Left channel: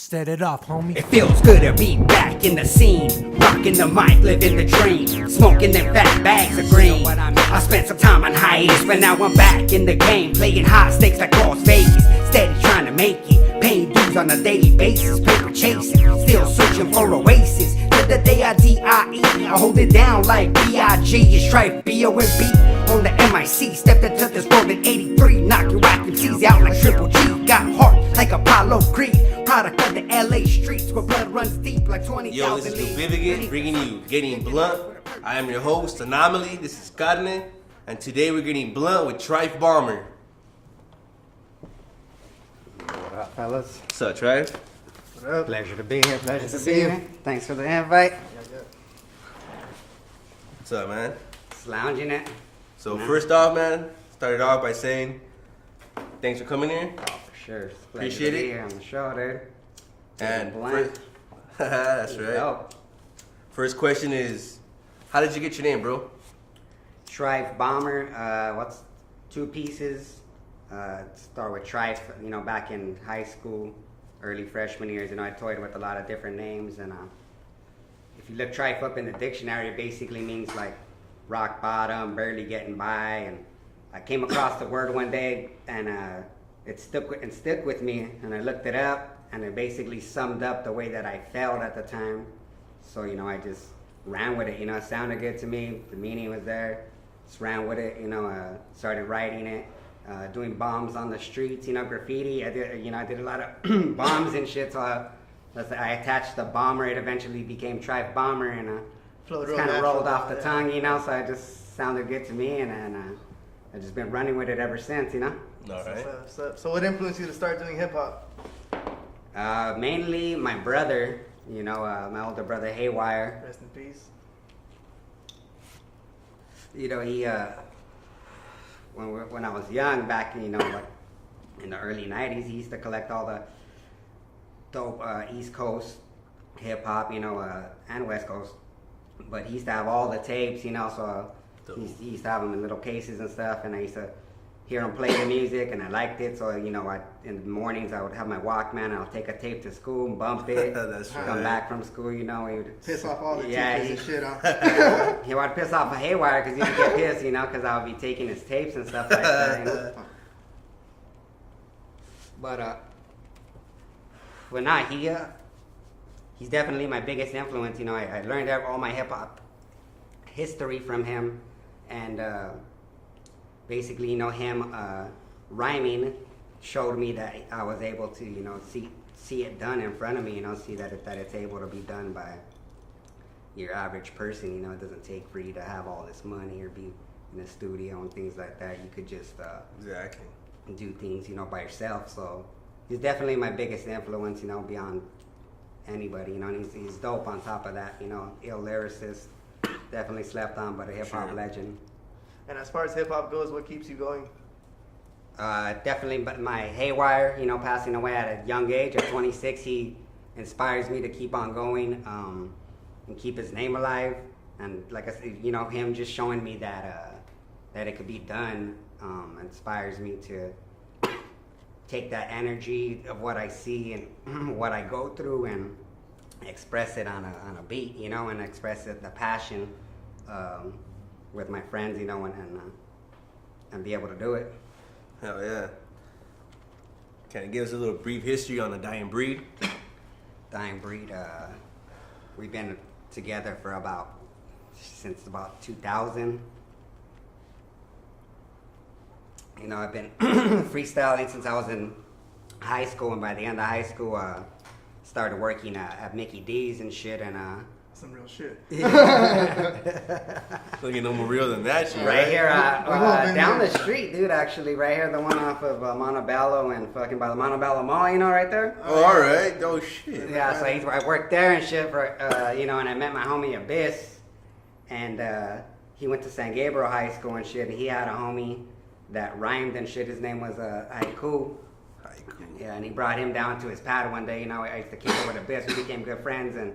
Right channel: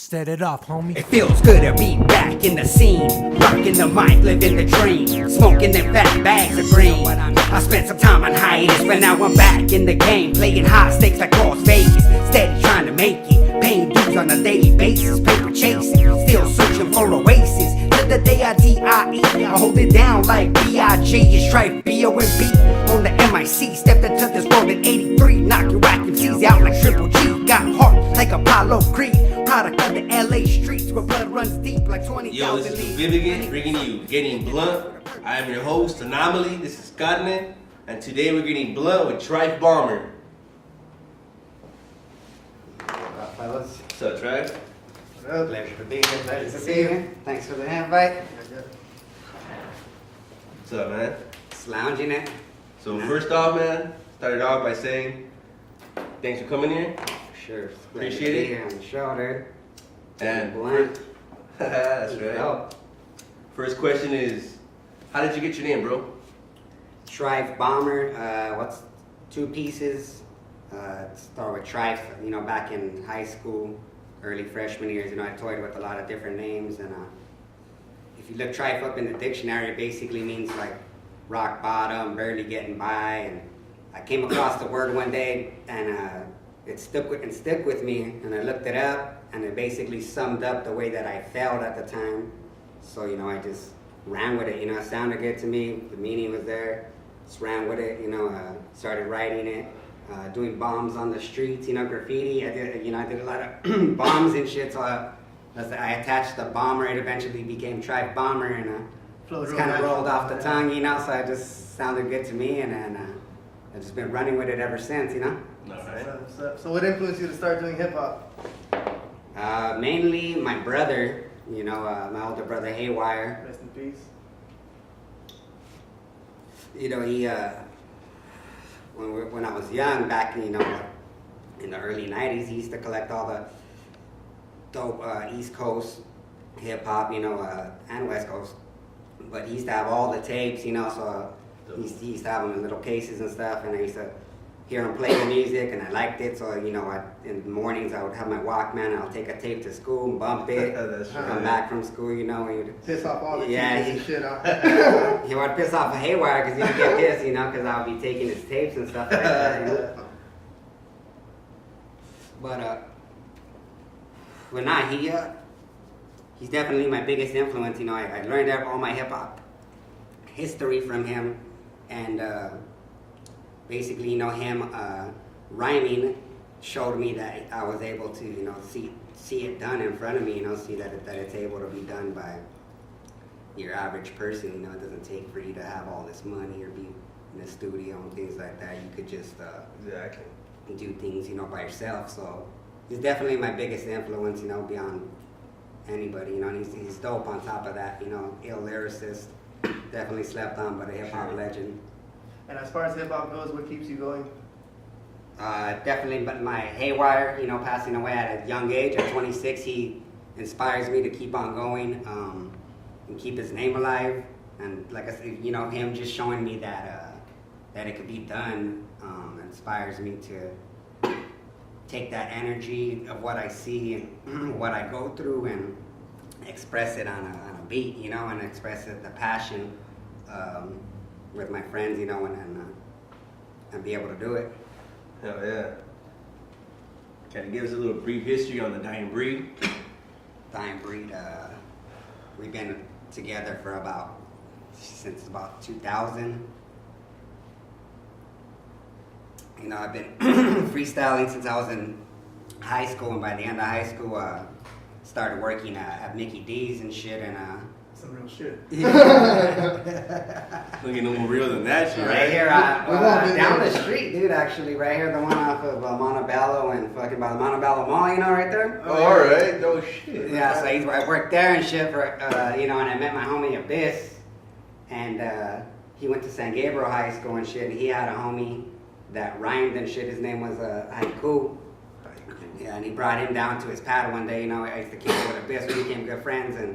Set it off, homie. It feels good to be back in the scene, rocking the mic, living the dream, smoking them fat bags of green. I spent some time on hiatus, but now I'm back in the game, playing high stakes like Las Vegas, steady trying to make it, paying dues on a daily basis, paper chasing, still searching for oasis. To the day I D.I.E. I hold it down like B.I.G. It's Trife B.O.M.B. on the M.I.C. Stepped into this world in '83, knocking whack MCs out like Triple G. Got heart like Apollo Creed, product of the L.A. streets where blood runs deep like 20,000 Yo, this is Nubivagant, bringing you Getting Blunt. I am your host, Anomaly. This is Gettin, and today we're getting blunt with Trife Bomber. What up, fellas? What's up, Trife? What up? Pleasure to be here. Pleasure to see you. Thanks for the invite. What's up, man? Just lounging it. So first off, man, started off by saying thanks for coming here. Oh, for sure. It's a pleasure Appreciate to be it. here on the show, dude. And Blunt. that's right. Dope. First question is, how did you get your name, bro? Trife Bomber. What's two pieces? Start with Trife. You know, back in high school, early freshman years, you know, I toyed with a lot of different names, and if you look Trife up in the dictionary, it basically means like rock bottom, barely getting by. And I came across the word one day, and it stuck with me. And I looked it up, and it basically summed up the way that I felt at the time. So you know, I just ran with it. You know, it sounded good to me. The meaning was there. Just ran with it. You know, started writing it, doing bombs on the streets. You know, graffiti. I did a lot of bombs and shit. So I attached the bomber. It eventually became Trife Bomber, and it's kind of rolled off the tongue. You know, so it just sounded good to me, and I've just been running with it ever since. You know. All right. So what influenced you to start doing hip hop? Mainly my brother. You know, my older brother Haywire. Rest in peace. You know, he when I was young, back in the early '90s, he used to collect all the dope East Coast hip hop, you know, and West Coast. But he used to have all the tapes, you know, so he used to have them in little cases and stuff, and I used to hear him play the music, and I liked it. So you know, in the mornings I would have my Walkman, and I'll take a tape to school and bump it. That's right. Come back from school, you know, and he'd Piss off all the Yeah, teachers and shit out. he would piss off a Haywire because he'd get pissed, you know, because I would be taking his tapes and stuff like that, you know. But nah, he's definitely my biggest influence. You know, I learned all my hip hop history from him, and basically, you know, him rhyming showed me that I was able to, you know, see it done in front of me. You know, see that it's able to be done by your average person. You know, it doesn't take for you to have all this money or be in a studio and things like that. You could just Exactly. do things, you know, by yourself. So he's definitely my biggest influence, you know, beyond anybody. You know, and he's dope on top of that. You know, ill lyricist, definitely slept on, but a hip hop legend. And as far as hip hop goes, what keeps you going? Definitely, but my Haywire, you know, passing away at a young age, at 26, he inspires me to keep on going and keep his name alive. And like I said, you know, him just showing me that it could be done inspires me to take that energy of what I see and what I go through and express it on a beat, you know, and express it, the passion with my friends, you know, and be able to do it. Hell yeah. Can you give us a little brief history on the Dying Breed? Dying Breed, we've been together for since about 2000. You know, I've been freestyling since I was in high school, and by the end of high school, started working at Mickey D's and shit, and Some real shit. Looking no more real than that shit, right here, We've all been down there. the street, dude, actually, right here, the one off of Montebello and fucking by the Montebello Mall, you know, right there? Oh, all right. Oh, shit. Yeah, so I worked there and shit for, you know, and I met my homie Abyss, and he went to San Gabriel High School and shit, and he had a homie that rhymed and shit. His name was Haiku. Yeah, and he brought him down to his pad one day, you know. I used to kick it with Abyss, we became good friends, and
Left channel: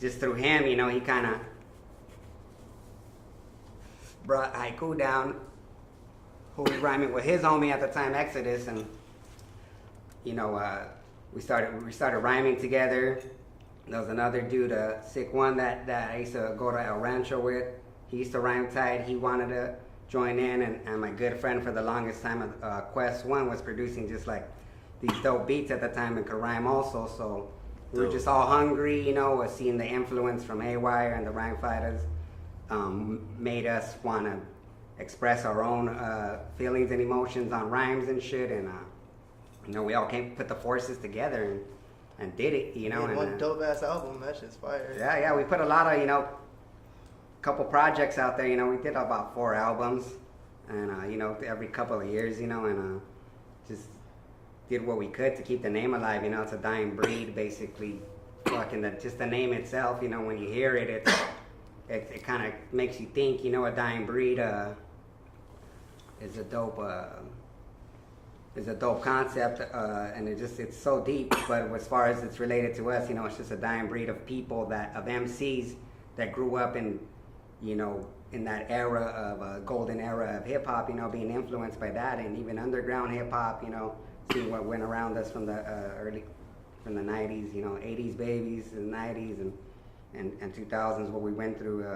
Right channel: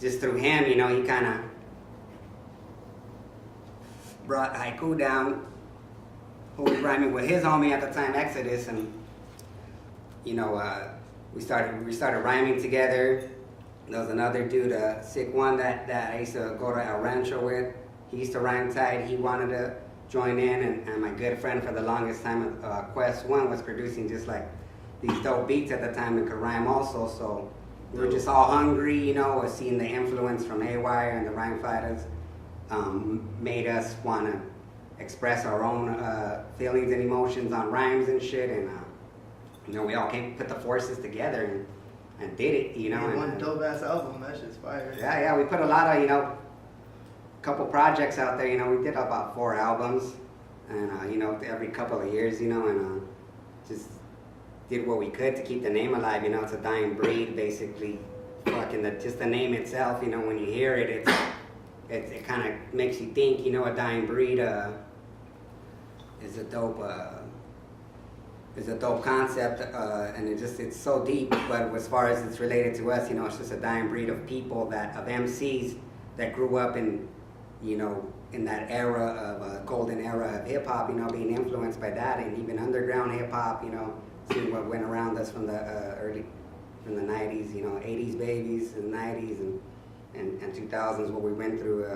just through him, you know, he kind of brought Haiku down, who was rhyming with his homie at the time, Exodus, and, you know, we started rhyming together. There was another dude, sick one that I used to go to El Rancho with. He used to rhyme tight. He wanted to join in, and my good friend for the longest time, Quest One, was producing just like these dope beats at the time and could rhyme also. So we were just all hungry, you know, seeing the influence from Haywire and the Rhyme Fighters made us want to express our own feelings and emotions on rhymes and shit. And you know, we all put the forces together and did it, you know. And one dope ass album, that shit's fire. Yeah, we put a lot of, you know, couple projects out there, you know. We did about 4 albums, and you know, every couple of years, you know, and just did what we could to keep the name alive. You know, it's a dying breed, basically. Fucking just the name itself, you know, when you hear it, it kind of makes you think, you know, a dying breed is a dope concept, and it's so deep. But as far as it's related to us, you know, it's just a dying breed of people of MCs that grew up in, you know, in that era of golden era of hip hop, you know, being influenced by that, and even underground hip hop, you know, seeing what went around us from the from the 90s, you know, 80s babies and 90s and 2000s, what we went through.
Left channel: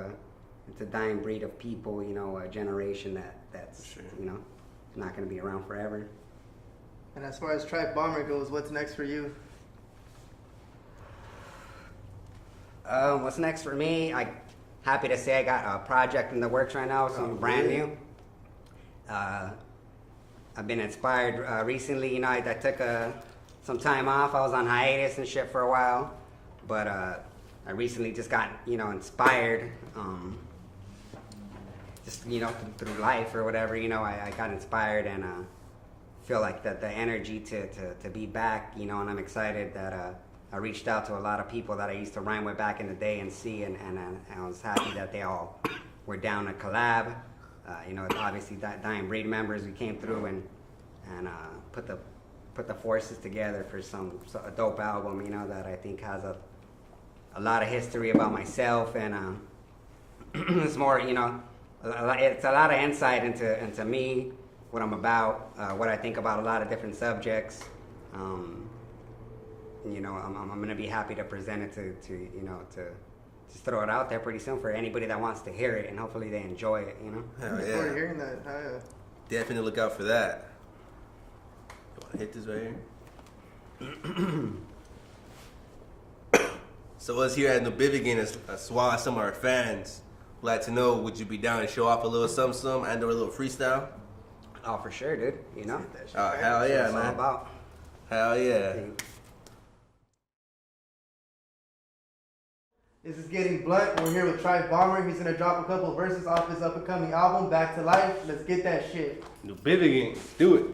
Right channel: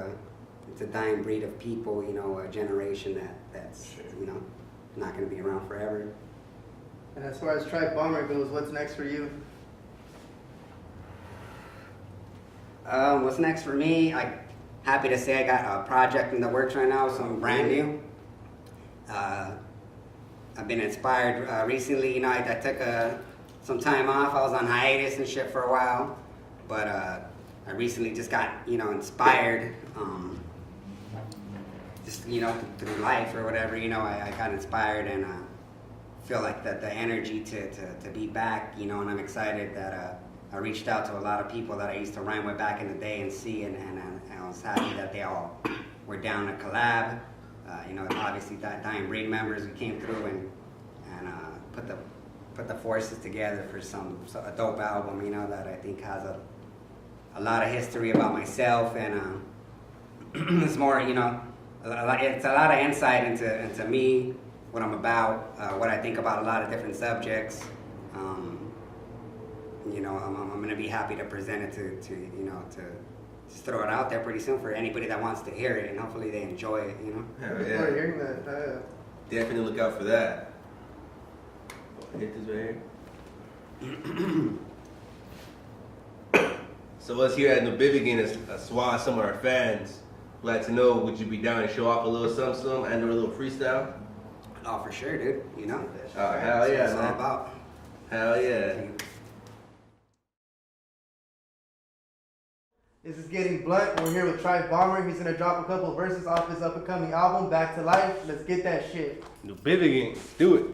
It's a dying breed of people, you know, a generation that's you know, not going to be around forever. And as far as Trife Bomber goes, what's next for you? What's next for me? I'm happy to say I got a project in the works right now, something brand new. I've been inspired recently. You know, I took some time off. I was on hiatus and shit for a while, but I recently just got, you know, inspired. Just, you know, through life or whatever, you know, I got inspired and feel like that the energy to be back, you know, and I'm excited that I reached out to a lot of people that I used to rhyme with back in the day and see, and I was happy that they all were down to collab. You know, obviously Dying Breed members, we came through and put the forces together for a dope album, you know, that I think has a lot of history about myself, and it's more, you know, it's a lot of insight into me, what I'm about, what I think about a lot of different subjects. You know, I'm going to be happy to present it to you know, to just throw it out there pretty soon for anybody that wants to hear it, and hopefully they enjoy it, you know. Looking forward to hearing that. Definitely look out for that. Hit this right here. So us here at Nubivagant, as well as some of our fans, would like to know, would you be down to show off a little something and do a little freestyle? Oh, for sure, dude. You know. Oh, hell yeah, That's what man. it's all about. Hell yeah. This is Getting Blunt. We're here with Trife Bomber. He's gonna drop a couple of verses off his up-and-coming album, Back to Life. Let's get that shit. Nubivagant, do it.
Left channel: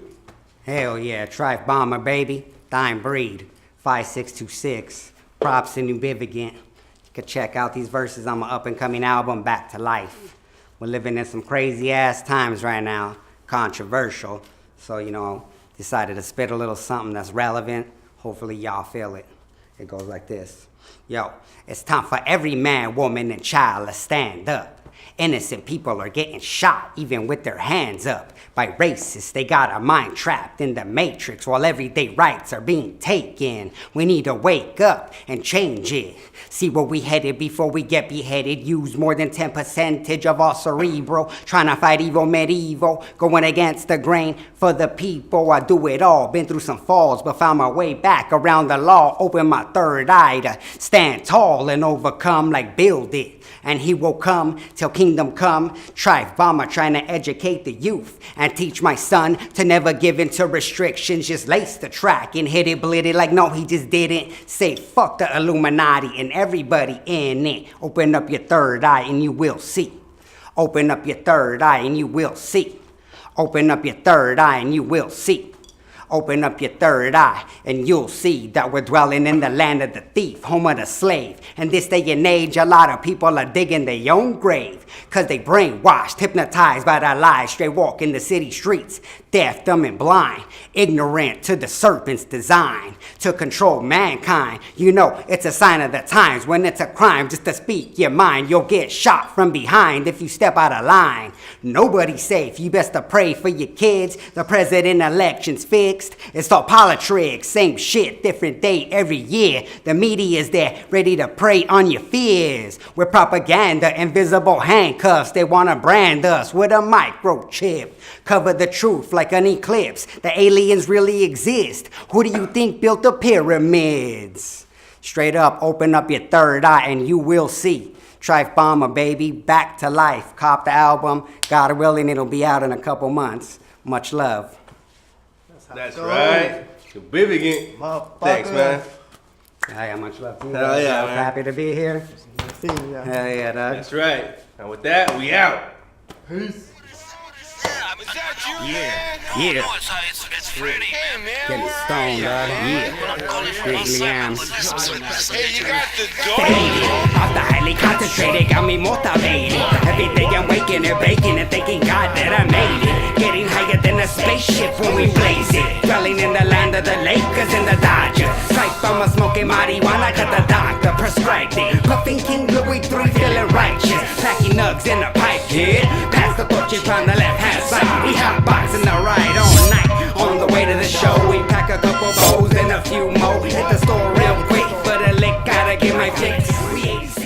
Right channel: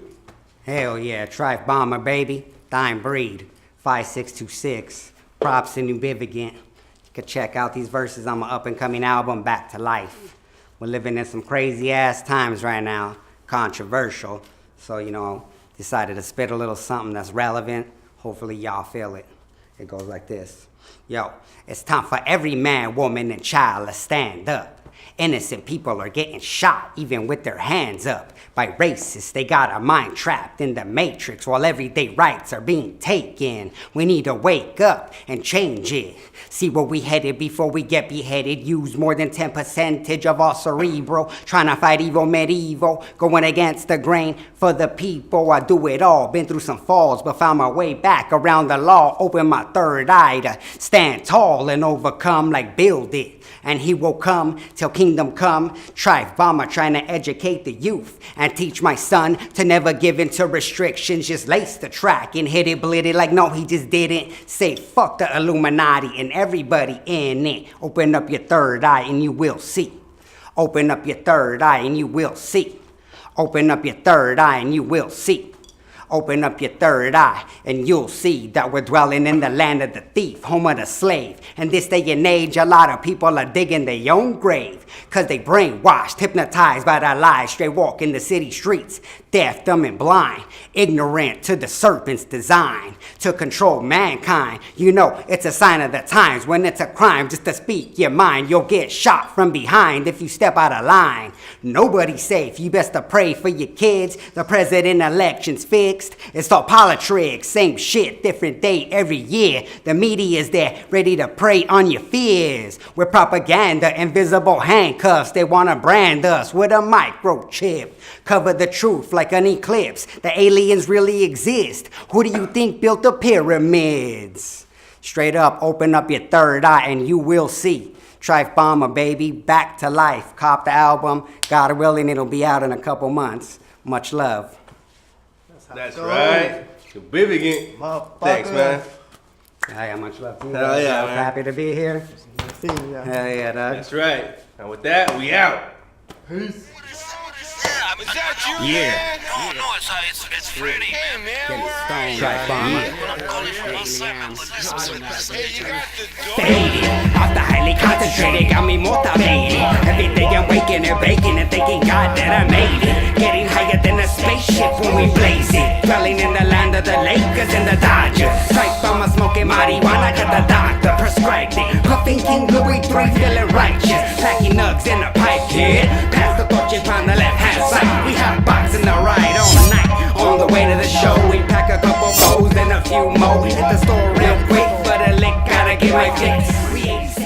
Hell yeah, Trife Bomber, baby. Dying Breed, 5626. Props to Nubivagant. You can check out these verses on my up-and-coming album, Back to Life. We're living in some crazy-ass times right now. Controversial. So, you know, decided to spit a little something that's relevant. Hopefully y'all feel it. It goes like this. Yo, it's time for every man, woman, and child to stand up. Innocent people are getting shot, even with their hands up, by racists. They got our mind trapped in the matrix while everyday rights are being taken. We need to wake up and change it. See where we headed before we get beheaded. Use more than 10% of our cerebral. Trying to fight evil medieval. Going against the grain for the people. I do it all. Been through some falls, but found my way back around the law. Open my third eye to stand tall and overcome, like build it. And he will come till kingdom come. Trife Bomber trying to educate the youth and teach my son to never give in to restrictions. Just lace the track and hit it, blit it like no, he just didn't. Say fuck the Illuminati and everybody in it. Open up your third eye and you will see. Open up your third eye and you will see. Open up your third eye and you will see. Open up your third eye and you'll see that we're dwelling in the land of the thief, home of the slave. In this day and age, a lot of people are digging their own grave, cause they brainwashed, hypnotized by their lies, straight walking the city streets, deaf, dumb, and blind, ignorant to the serpent's design, to control mankind. You know, it's a sign of the times when it's a crime just to speak your mind. You'll get shot from behind if you step out of line. Nobody's safe, you best to pray for your kids. The president election's fixed. fixed. It's all politics, same shit, different day every year. The media's there, ready to prey on your fears. With propaganda, invisible handcuffs, they wanna brand us with a microchip. Cover the truth like an eclipse. The aliens really exist. Who do you think built the pyramids? Straight up, open up your third eye and you will see. Trife Bomber, baby, back to life. Cop the album, God willing, it'll be out in a couple months. Much love. That's right. Nubivagant. Motherfucker. Thanks, man. Hey, much love to you. Hell yeah, man. Happy to be here. See ya. Hell yeah, dog. That's right. And with that, we out. Peace. Yeah, yeah. It's Freddy. Hey, man. Getting stoned, yeah. Hey, you got the dope. Faded, off the highly concentrated, got me motivated. Every day I'm waking and baking and thanking God that I made it. Getting higher than a spaceship when we blaze it. Dwelling in the land of the Lakers and the Dodgers. Trife Bomber smoking marijuana, got the doctor prescribed it. Puffing King Louis III, feeling righteous. Packing nugs in a pipe, kid. Pass the torches on the left hand side. We hot boxing the ride all night. On the way to the show, we pack a couple bows and a few more. Hit the store real quick, but a lick gotta get my fix. We 86